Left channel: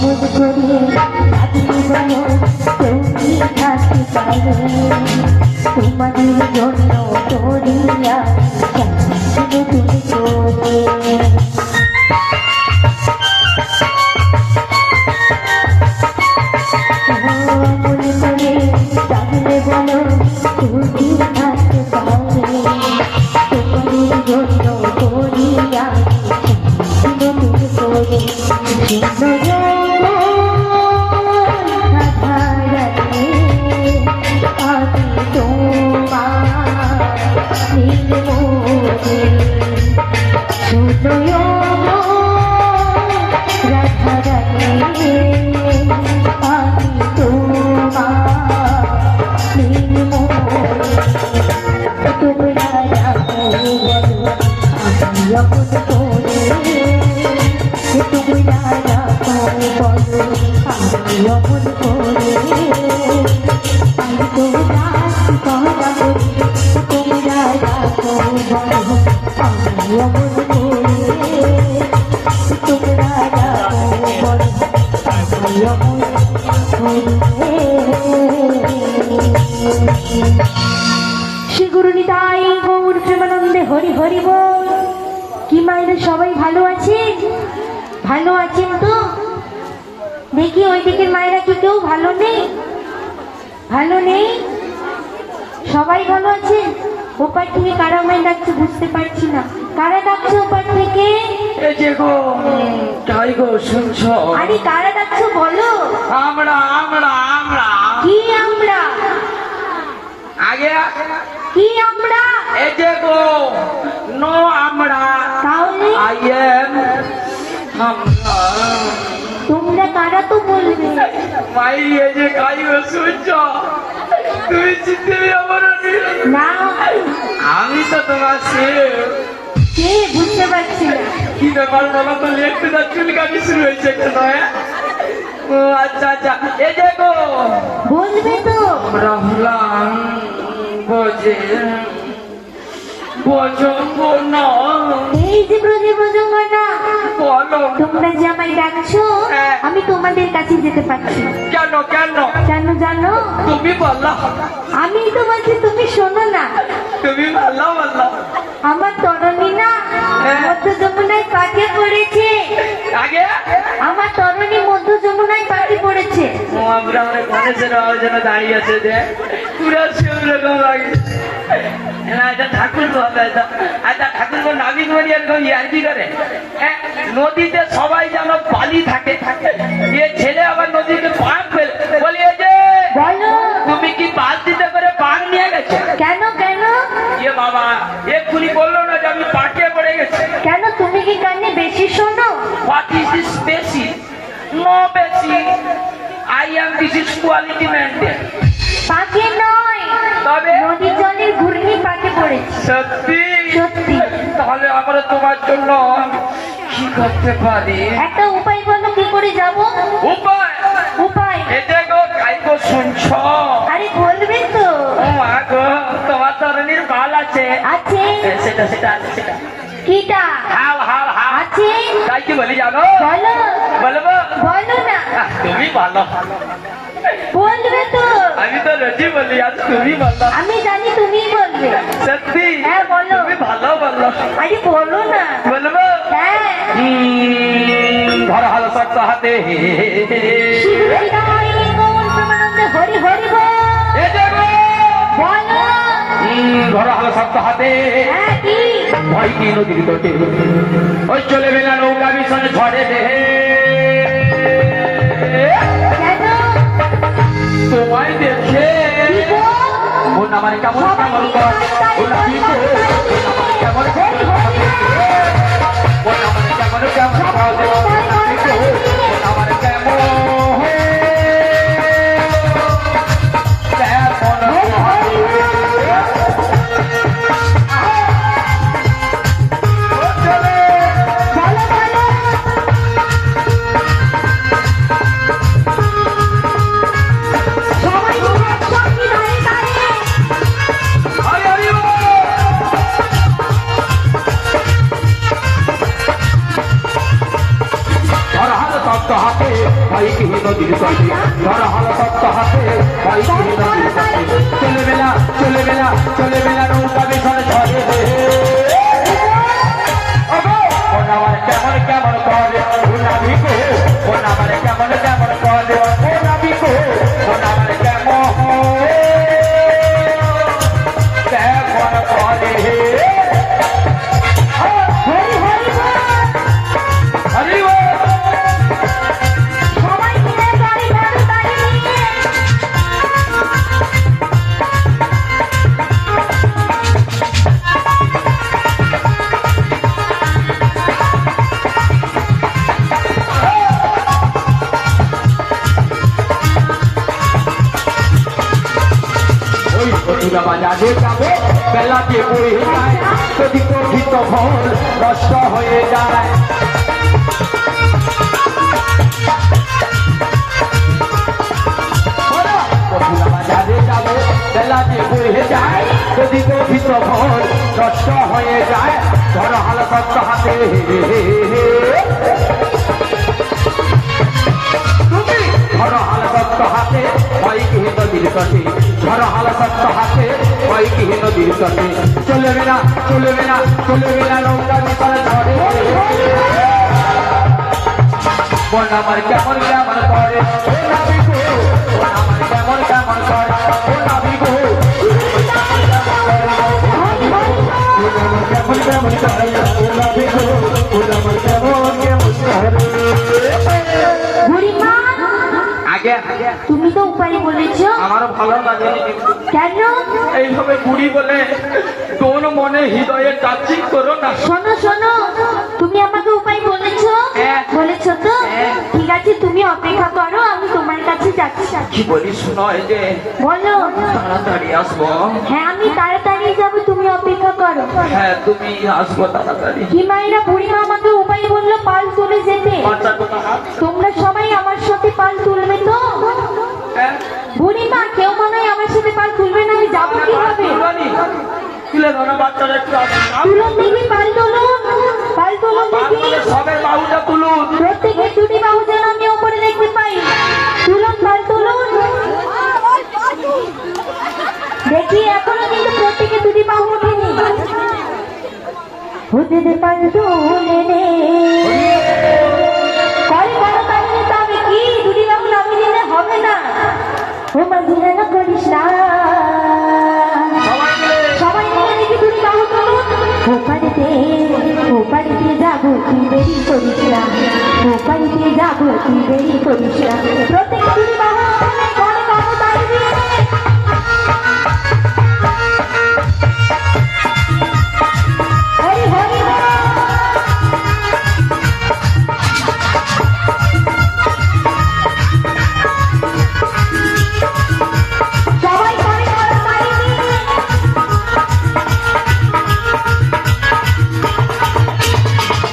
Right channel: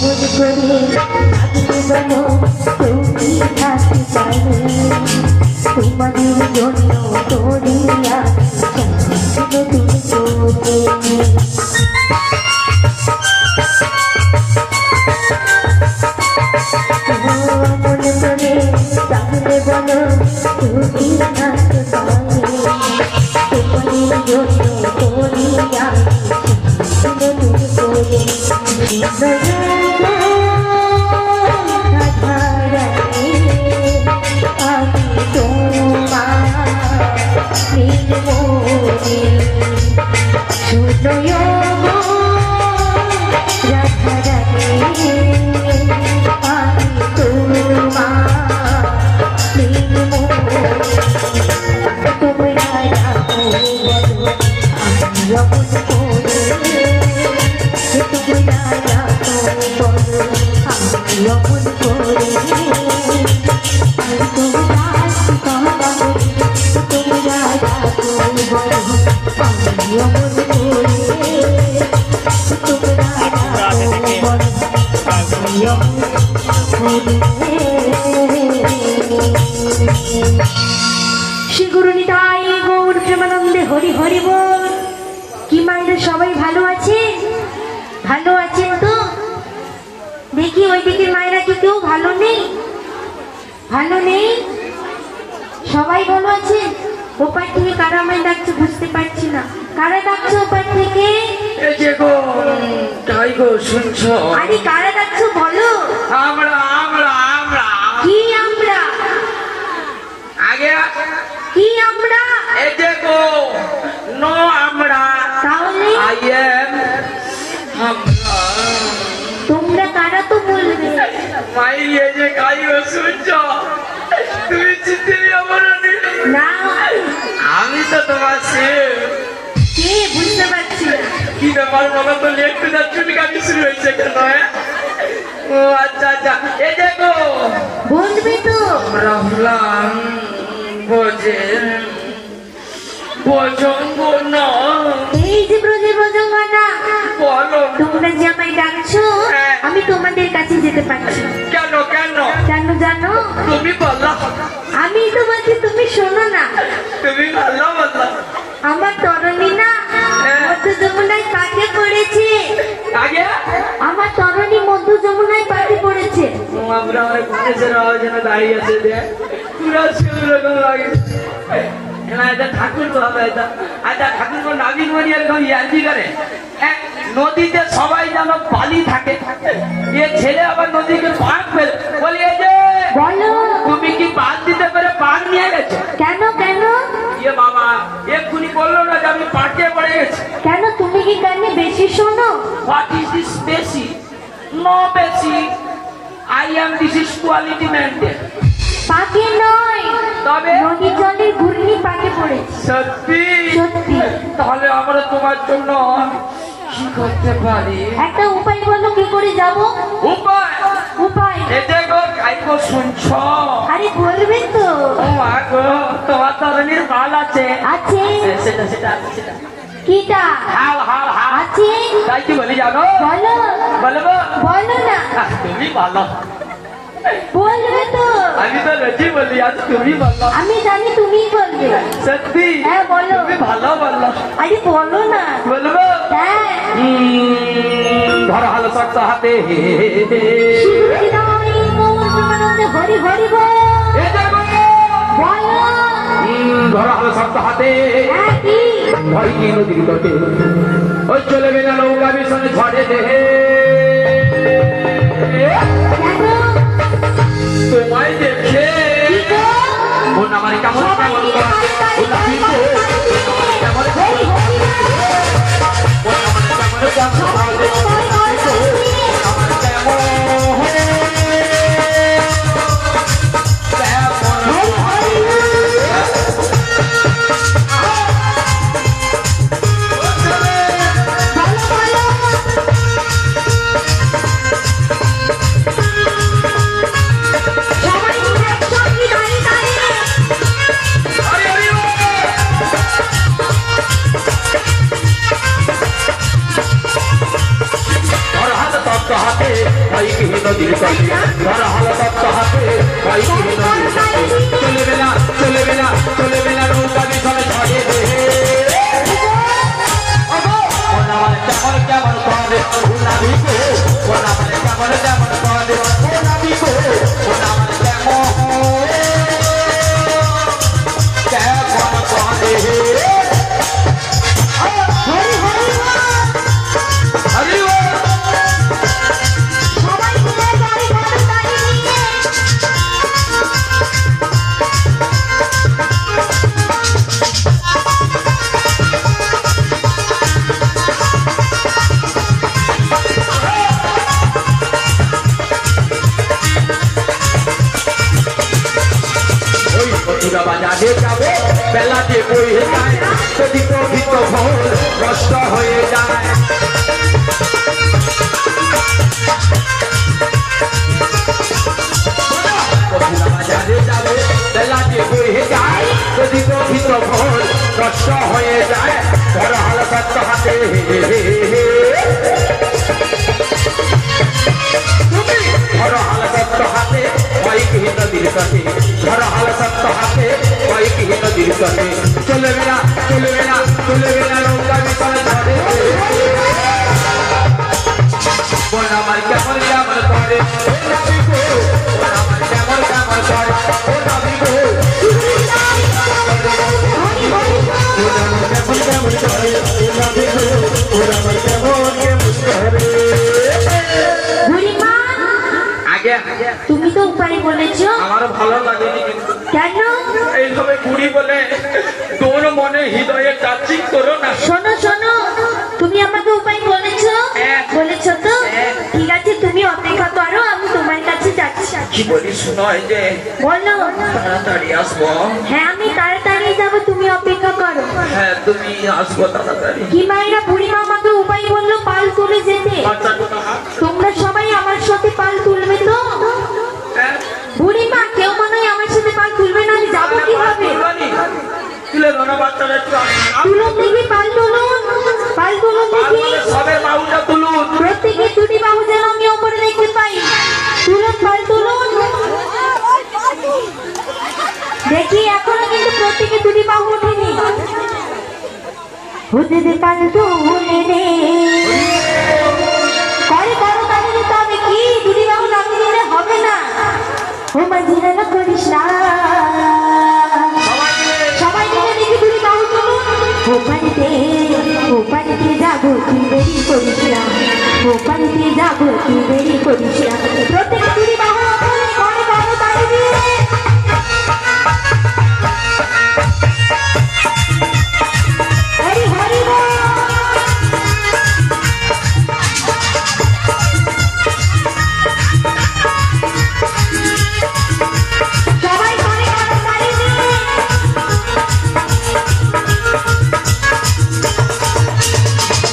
তোমাদের জন্য করিয়া তুমি সবাই ভালো আছেন? ভালো আছেন তো? দেখি ওই দিকের মায়েরা কি কেউ ভালো নেই? ভালো নেই? সবাই ভালো আছেন? ওপার থেকে কারা আমায় ডাকছে বুঝতে পারছি না। কারা ডাকছে ওপার থেকে? এই যে গো, তাই গো শুনছো? আরে কারা ডাকছো বলো? আমরা আমরা আমরা কি আমরা? আগে কি আমরা? এই যে গো, নো আমরা, তাহলে আই এম আমরা। তোমরা কারা তো বলবে? ভাই এই যে কাই গো শুনছো? তুমি চিনতে পারো না, আমি তো তোমার সে কে বুঝতে পারছি না। কি ব্যাপার বাবা, তো একটু না চুলকানি শুরু হয়েছে কেন? ও আচ্ছা আচ্ছা, এই যে গো বলবে তো? আমরা হলাম বোঝে বজঙ্গনা। এই যে ব্রজের বজঙ্গনা, বলো তোমরা যে আমায় ডাকছো আমি তোমাদের কাছে যেতে পারছি না। কেন কেন? কেন জানো? তুমি বললা, আমি তো বলছি তুমি শোনো না। তুমি বললা বললা আমার তরণী না মধ্য যমুনায় পাঠিয়ে পড়েছে। আগে আমার তরণী মধ্য যমুনায় পাঠিয়ে পড়েছে। আমরা গণেশের আওয়াজনে দাঁড়িয়ে আছে যে পুরো সেরকম লাগে। আচ্ছা ঠাকুর তো হবে, আচ্ছা ঠাকুর নাবিক মনি এরকম ইয়ার্কি করে নদীতে সবাই যেন বালি থাকে, এ ছেলে আবার নদীকে পাক ফেলে বলি এই যে বলো তুমি কি বাদ দিতে পারে পাক নিয়ে গেছে? কেন কেন? এ বাবা এক্ষুনি বললো না যে আমি পাকে পড়ে গেছি। কেন তুমি কি কানে বেশি শোনো? হোয়াট ইজ দিস বেশি? নো বেশি, I am this is quality maintain. পাকে নয়, তবে নদী জলের ঘূর্ণি পাকে পড়েছে। সত্যি? সত্যি। তাহলে আমরা তোমার জন্য কি করতে পারি? একটা উপায় বলো, কি করে যাব? উপায়? উপায় এতে গো কাইকো শুনছ? আরে বলবে তো? ও মা গো, তোমার তরুণীর বাল আছে? আছে। সেটা সেটা সেটা কিটা? হাও হাও হাও আছে। তাই কি বলি জানো? বলো বলবো? বলো না। তুমি বলো। বলবে তো? আমি তো রোজই বলি, আজ তুমি বলো। আমি জানি তুমি বলবে। সত্যি? হ্যাঁ বলো। তুমি ভালো বললো। আরে বলো না। বলবো? হ্যাঁ। ধরা হলো শক্ত হাতে শিববিদায় ওম প্রেমানন্দে হরি হরি বল। এ দেখো বলো। ধরা হলো শক্ত হাতে হ্যাঁ কি? ভয় কি নদীর তটে ওই চলে বেলা নৌকা মিশনে ঝড়ে দেহে কেন? তোমায় দেখে কি গো? মন আমার কেমন কেমন ও নাকি গো কেমন হরি হরি মন আমার কেমন ভাই কি নদীর তলে ধরা হলো সত্য হাতে ভাই কি নদীর তলে চলে বেলা চলে বেলা চলে বেলা নৌকা বিশাল ঝড়ে ওনামার কেমন কেমন করে ওনাবি গো ওনামার কেমন কেমন করে ওনাবি গো ওনামার কেমন কেমন করে হরি হরি বল। হরি ও সবাই মিলে গাড়ি ধরো, গাড়ি নিয়ে। ওই প্রতিভা বাজারে যাবে বেলাতে বয়ে যায় যদি প্রকৃত ফল নষ্ট হয়ে যায় প্রতিভা বাজারে যাবে বেলাতে বয়ে যায় যদি প্রকৃত ফল নষ্ট হয়ে যায় ধরা হাল সত্য হাতে তুমি ধরো হাল সত্য হাতে বাইক হিত দিলসতে ধরো হাল সত্য হাতে বাইক হিত দিলসতে চলে বেলা চলে বেলা চলে বেলা নৌকা বিশাল ঝড়ে বন আমার কেমন কেমন করে ও নাবি গো বন আমার কেমন কেমন করে ও নাবি গো কেমন কেমন করে ও নাবি গো ও আমার কেমন কেমন করে বুড়িমা, আগে আগে তুমি তো উপায় বলেছো, আমার ভালো লাগেনি কিন্তু কেন? এইভাবে বুড়ি বলে তোর মনে হৃদয়ে কাচিক করো না শোনো শোনো, তুমি আমাকে উপায় বলেছো, হ্যাঁ। বলেছো তো? হ্যাঁ। ঠিক আছে, তুমি অপেক্ষা করো, আমি তোমার কাছে যাচ্ছি। কি বলি শোনায় যে বলো। তাড়াতাড়ি আসবো হ্যাঁ, আমি তাড়াতাড়ি যাবো, তুমি অপেক্ষা করো। হ্যাঁ তুমি আসবো তাড়াতাড়ি কি মায়েরা, বুড়িমা আমাকে উপায় বললো পাল তুলে যেতে। বাচ্চা কোথা তোমরা সবাই আমার সাথে পাল তুলবে তো? হ্যাঁ বুড়িমা, কেউ মনে হয় আমার সাথে পাল তুলবে না, আমি যাবো কিভাবে? তুলে ধরো বাচ্চারা একটু তুলুন দেখি, পাল তুলুন, পাল তুলুন দেখি। সবে বাহুটা তুলুন প্রত্যেকে দুটি বাহু যেন আমি ওপরে দেখতে পাই। তুলুন, পাল তুলুন দেখি, এখনো কিন্তু প্রত্যেকে দুটি বাহু ওঠেনি। হতে দে পাল তুলে নে, করে করো তাহলে নিতে হবে কি, দুটি বাহু নামিয়ে দিলে হবে না। ও মাঝি যেন করিস না, সবাই মিলে দেখি দুটি বাহু তুলুন। ওপারিতে যাবো, তুই দেরি করিস না, ওপারিতে যাবো, তুই দেরি করিস না। প্রত্যেকে দুটি বাহু ওপরে, করে বাহু তাড়ি দিয়ে। হরি হরি বল। সবাই করে বাহু তাড়ি দিয়ে।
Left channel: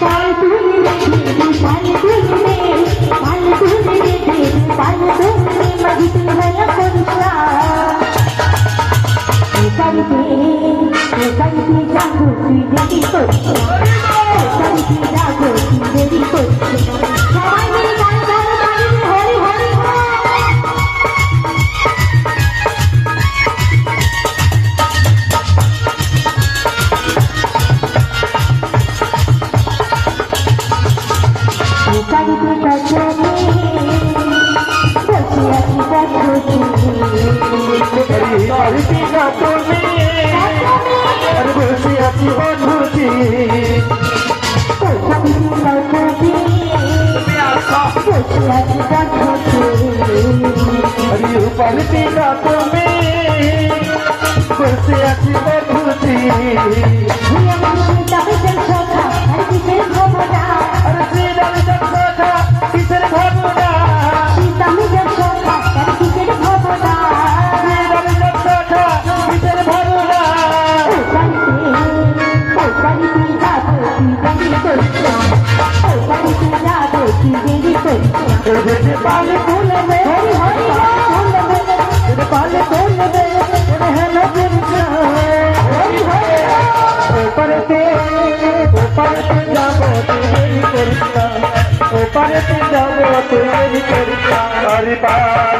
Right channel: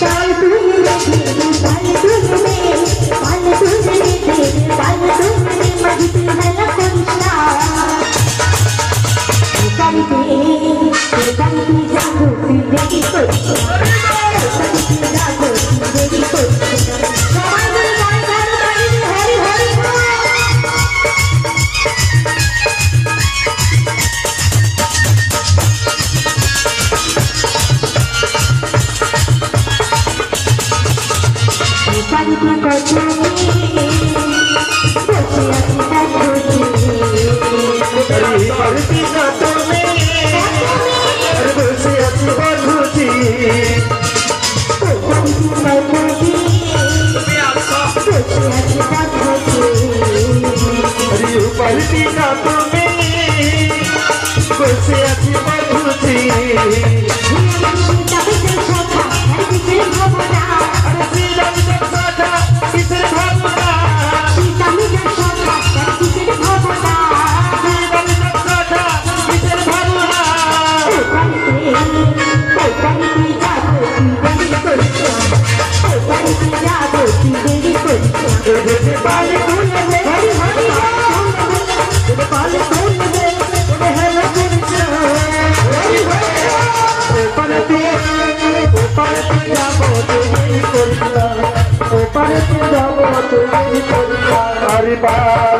পাল তুলবে, পাল তুলবে, পাল তুলবে, পাল তুলবে, মাঝি তুই হেলা করিস না। কৃপা